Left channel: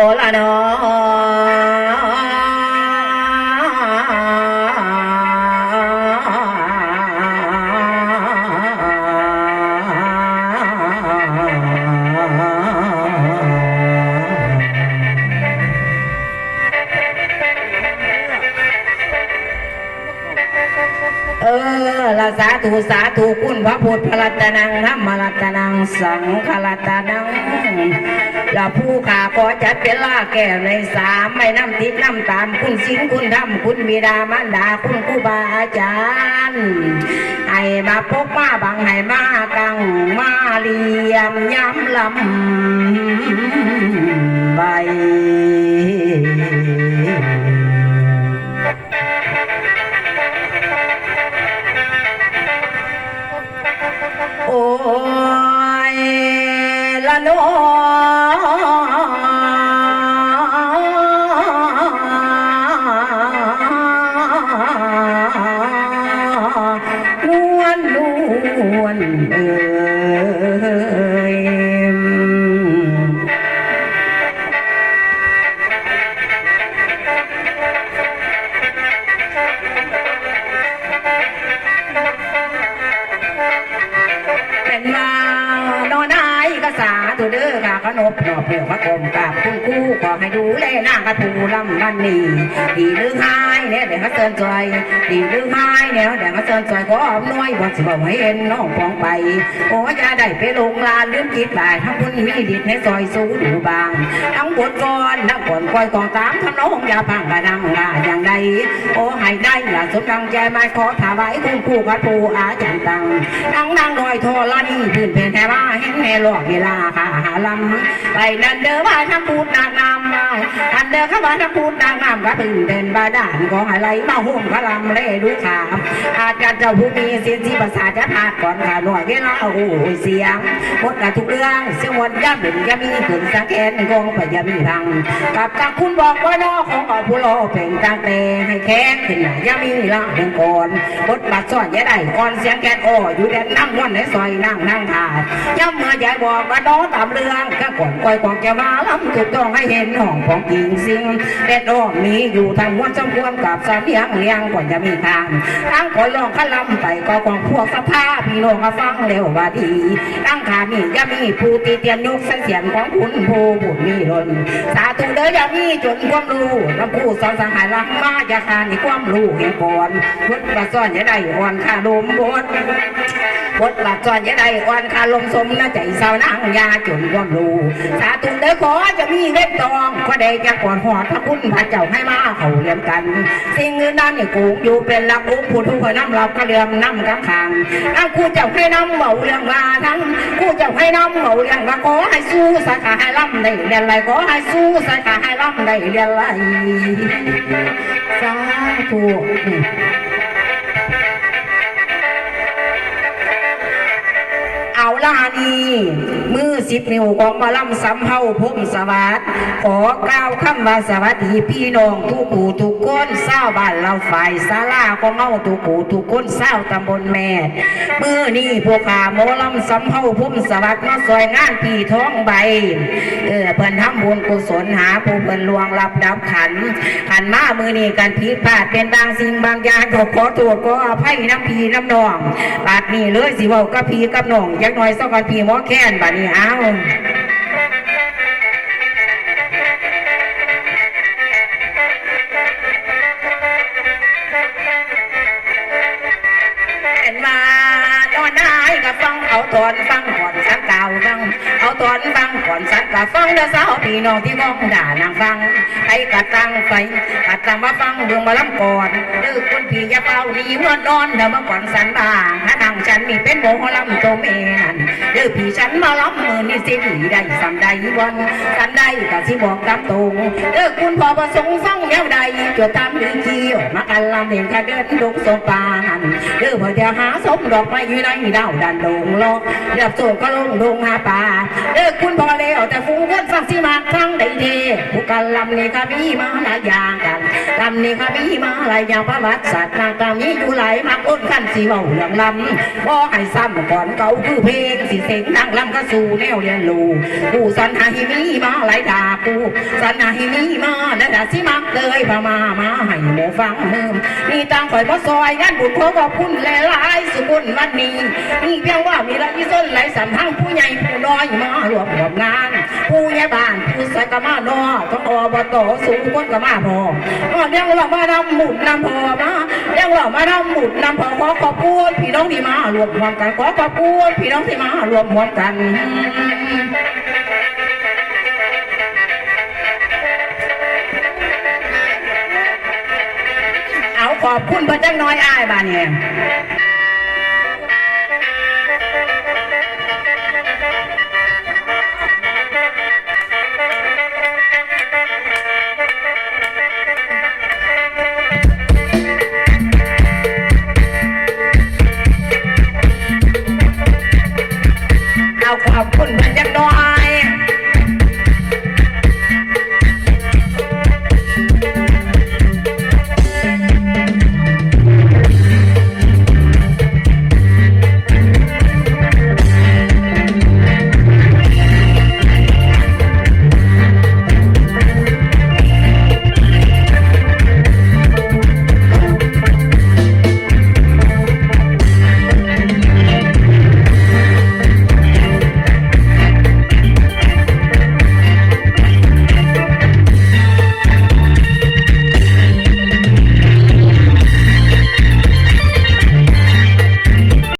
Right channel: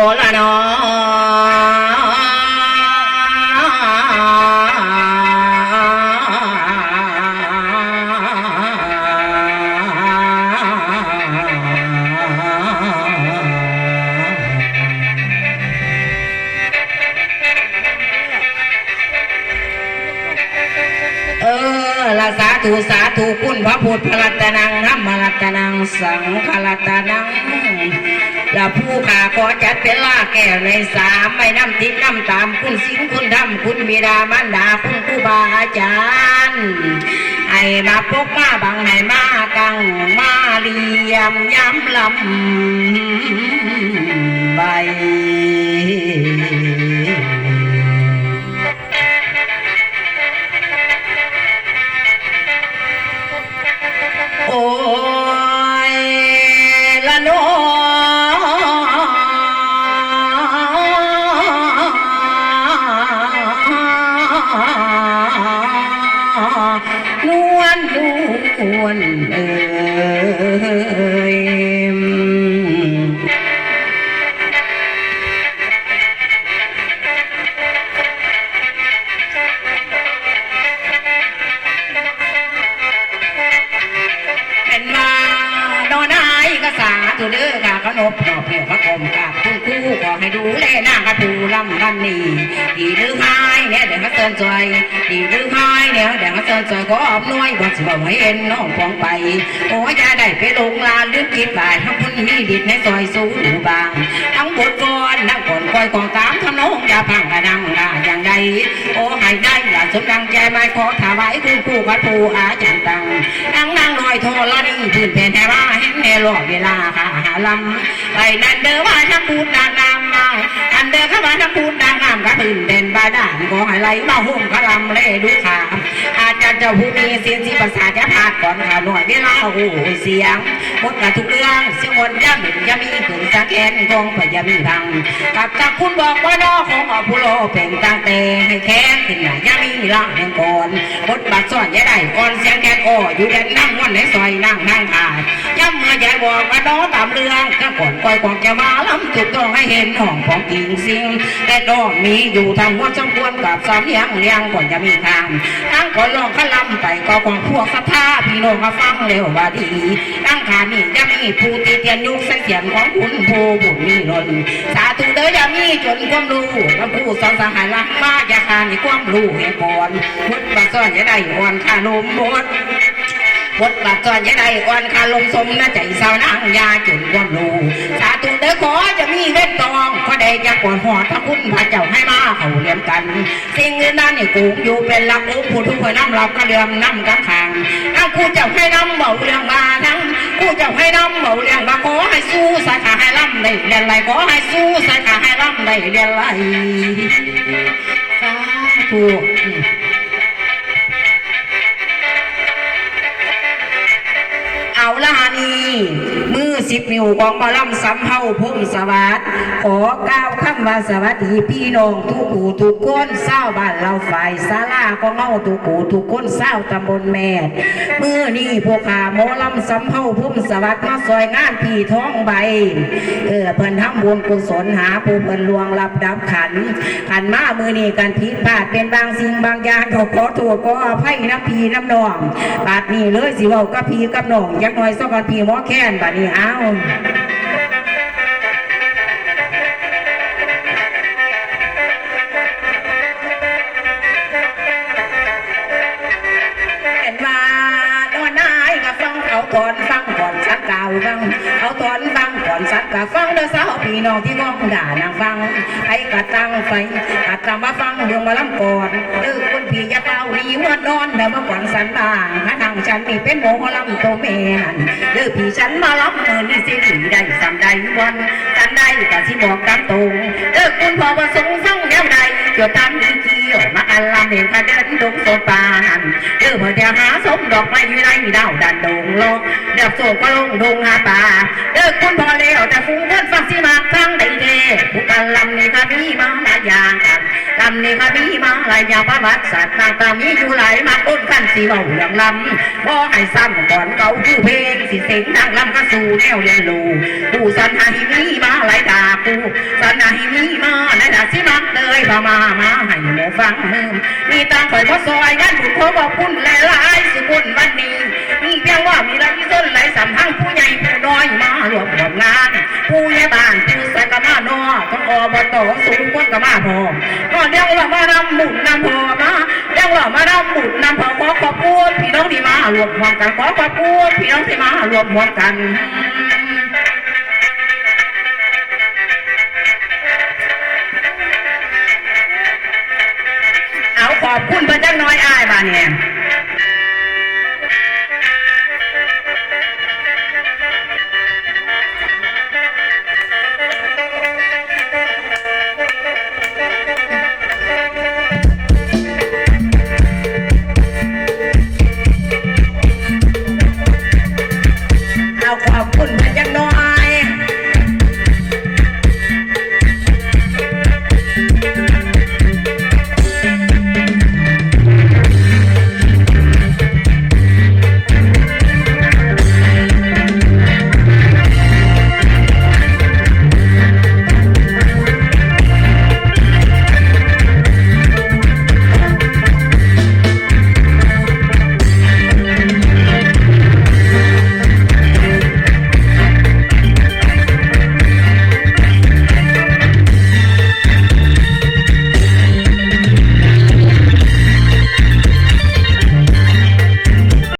โอละนอ ออละสาธุสาธุคุณพระพุทธพระรัตนังธรรมรัตนังสังฆรัตนังและผู้ขาขอจัดเป็นล่าแก้วในสามไม่น้ำทิพน้ำตามคุณสิงคุณธรรมคุณบิดามารดาคุณครูบาอาจารย์ให้มาพกมาบังให้มากังมาเลียมย้ำลำใบ โอ้ยละโนนวลนวลเออ นมานอนนายก็สาธุเด้อค่ะ ขนบนอบเหี่ยวพระกรมกับคุณครูขอให้ดูแลนางกระปูลำนันนี่ดีหรือไห้เนี่ยเดี๋ยวเขาเตือนใจดีหรือไห้เนี่ยเดี๋ยวเขาเตือนใจก็อมน้อยบ่สิบอกให้เอ็นน้องฟองไป โอ้ยอย่าได้ไปลงลานลืมคิดบ่ายทั้งคุณมีดิดในซอยสู้ดูบาง ทั้งบทกรทั้งก่อนคอยกองตามทำน้องอย่าพังกระนังลาอย่างใดโอ้ให้ได้อย่าสมดังใจไม่ขอถวายคุณครูกัดปูอาจารย์ตังนั่งนั่งลอยทรละนี่พื้นแผ่นแถวเห็นในหลอดเวลาค่ะหาลำไปนั่นเด้อว่าทั้งพูดนางนามมาอันเด้อเข้ามาทั้งพูดนางนามก็ตื่นเต้นบาดาลของอะไรมาห่มกระลำเล่ดูขา จารย์เจ้าผู้มีเสียงที่ภาษาจะพาก่อนค่ะหน่วยเวลาโอ้เสียงหมดกับทุกเรื่องเสียงวนย่าเป็นย่ามีขืนสังแกนกองพยามีพังกับกับคุณบอกว่าน้อของอผู้รเป็นตั้งแต่ให้แค้นขึ้นหน้าย่ามีล่างเพียงก่อนบทบาทซ่อนย่าได้อ่อนเสียงแกนอ้ออยู่แดนนั่งวันในซอยนั่งนั่งถ่ายย่ำเมื่อยายบอกว่าน้อตามเรื่องก็ก่อนก่อยกอนจะมาล้ำจุดต้องให้เห็นห้องของกิ่งสิงแต่ดอกมีอยู่ทางวัดสมควรกับสามยังเลี้ยงก่อนจะมีทางทั้งก่อนลององขลำไปก็ของพวกสภาพี่น้องก็ฟังเร็วว่าดีตั้งขานี่ยังมีผู้ตีเตียนยุกเสียงของคุณโพบุญมีหล่นสาธุเด้อย่ามีจนความรู้ลำผู้สอนสหายลักมาอย่าคานี่ความรู้ให้ก่อนพุทธบัซ่อนอย่าได้อ่อนขาลมบด บทบาทจอนยะได้อ่อนคาลมสมนะใจสาวนางยาจนความรู้ สาธุเด้อขอจะมีเงินทองก็ได้แก่ก่อนหอดพระคุณพระเจ้าให้มาเขาเรียมกัน สิ่งอื่นนั้นนี่กูอยู่เป็นลักองค์ผู้ทุกคนน้ำรับกระเรียมน้ำกำขางนั่งคู่เจ้าให้น้ำเบาเรียงมาทั้งคู่เจ้าให้น้ำเบาเรียงมาขอให้สู้สาขาให้ล่ำได้เรียนไรขอให้สู้สาขาให้ล่ำได้เรียนไรสาธุ อืมเอาล่ะนี่มือสิบนิ้วของมอลำสำเภาพุ่มสวัสดขอกล่าวคำว่าสวัสดีพี่น้องทุกผู้ทุกคนเศร้าบ้านเราฝ่ายศาลาของเงาทุกผู้ทุกคนเศร้าตำบลแม่มือนี่พวกขาหมอลำสำเภาพุ่มสวัสดมาซอยงานพี่ท้องใบเออเพิ่นทำบุญกุศลหาผู้เพิ่นลวงรับดับขันขันมามือนี่การผิดพลาดเป็นบางสิ่งบางอย่างก็ขอโทษขออภัยน้ำพีน้ำนองปากนี้เลยสิว้ากับพี่กับน้องจักหน่อยสักวันพี่หมอแค้นบัดนี้เอาเอ็นมาโน่นนายก็ฟังเอาตอนฟังหอนสังเก่าฟังเอาตอนฟังก่อนสักกะฟังเด้อสาวพี่น้องที่ก้องด่านางฟังไปกะตังไฟกะตังมาฟังเรื่องมาลำก่อนเด้อคนพี่ยาเป่าดีมื่อนอนเด้อมาก่อนสันบางข้าทางฉันนี่เป็นโมหลำโตเมนันเด้อพี่ฉันมาลำมือนี่สิดีได้สำใดวันสันใดกะสิบอกตามตรงเด้อคุณพ่อประสงค์ฟังแก้วใดจดตามดีเกี่ยวมาอันลำเห็นข้าเดินดงโซปานเด้อเพื่อเดียวหาสมดอกไม้อยู่ในดาวดันดงโลกเด้อโศกก็ลงดงหาป่าเด้อคุณพอเลวแต่ฟูงเงินฟังสิมากฟังได้เทผู้กันลำนี่ค่ะพี่มาหลายอย่างกันลำนี่ค่ะพี่มาหลายอย่างประวัติศาสตร์นางตามีอยู่หลายมากอ้นกันสีเบาเรื่องลำบ่อให้ซ้ำก่อนเก่าคือเพลงสิเสียงนั่งลำก็สู่แนวเรียนรู้ผู้สันหาหิมีมาหลายตาปูสันหาหิมีมาได้ดาสิมักเลยพามามาให้หมูฟังมือนี่ตังข่อยบ่ซอยงานบุญขอขอบคุณหลายๆสุ บุญวันนี้นี่เพียงว่ามีไรที่ส้นไหลสัมพังผู้ใหญ่ผู้น้อยมารวมรวมงาน ผู้ใหญ่บ้านผู้สกมานอก็อบตสูงคนกมาพอก็เรียกว่ามาดำหมุนนำพอมาเรียกว่ามาดำหมุนนำพอขอขอบคุณพี่น้องที่มารวมหัวกันขอขอบคุณพี่น้องที่มารวมหัวกันเอาขอบคุณพระเจ้าน้อยอ้ายบานเนี่ย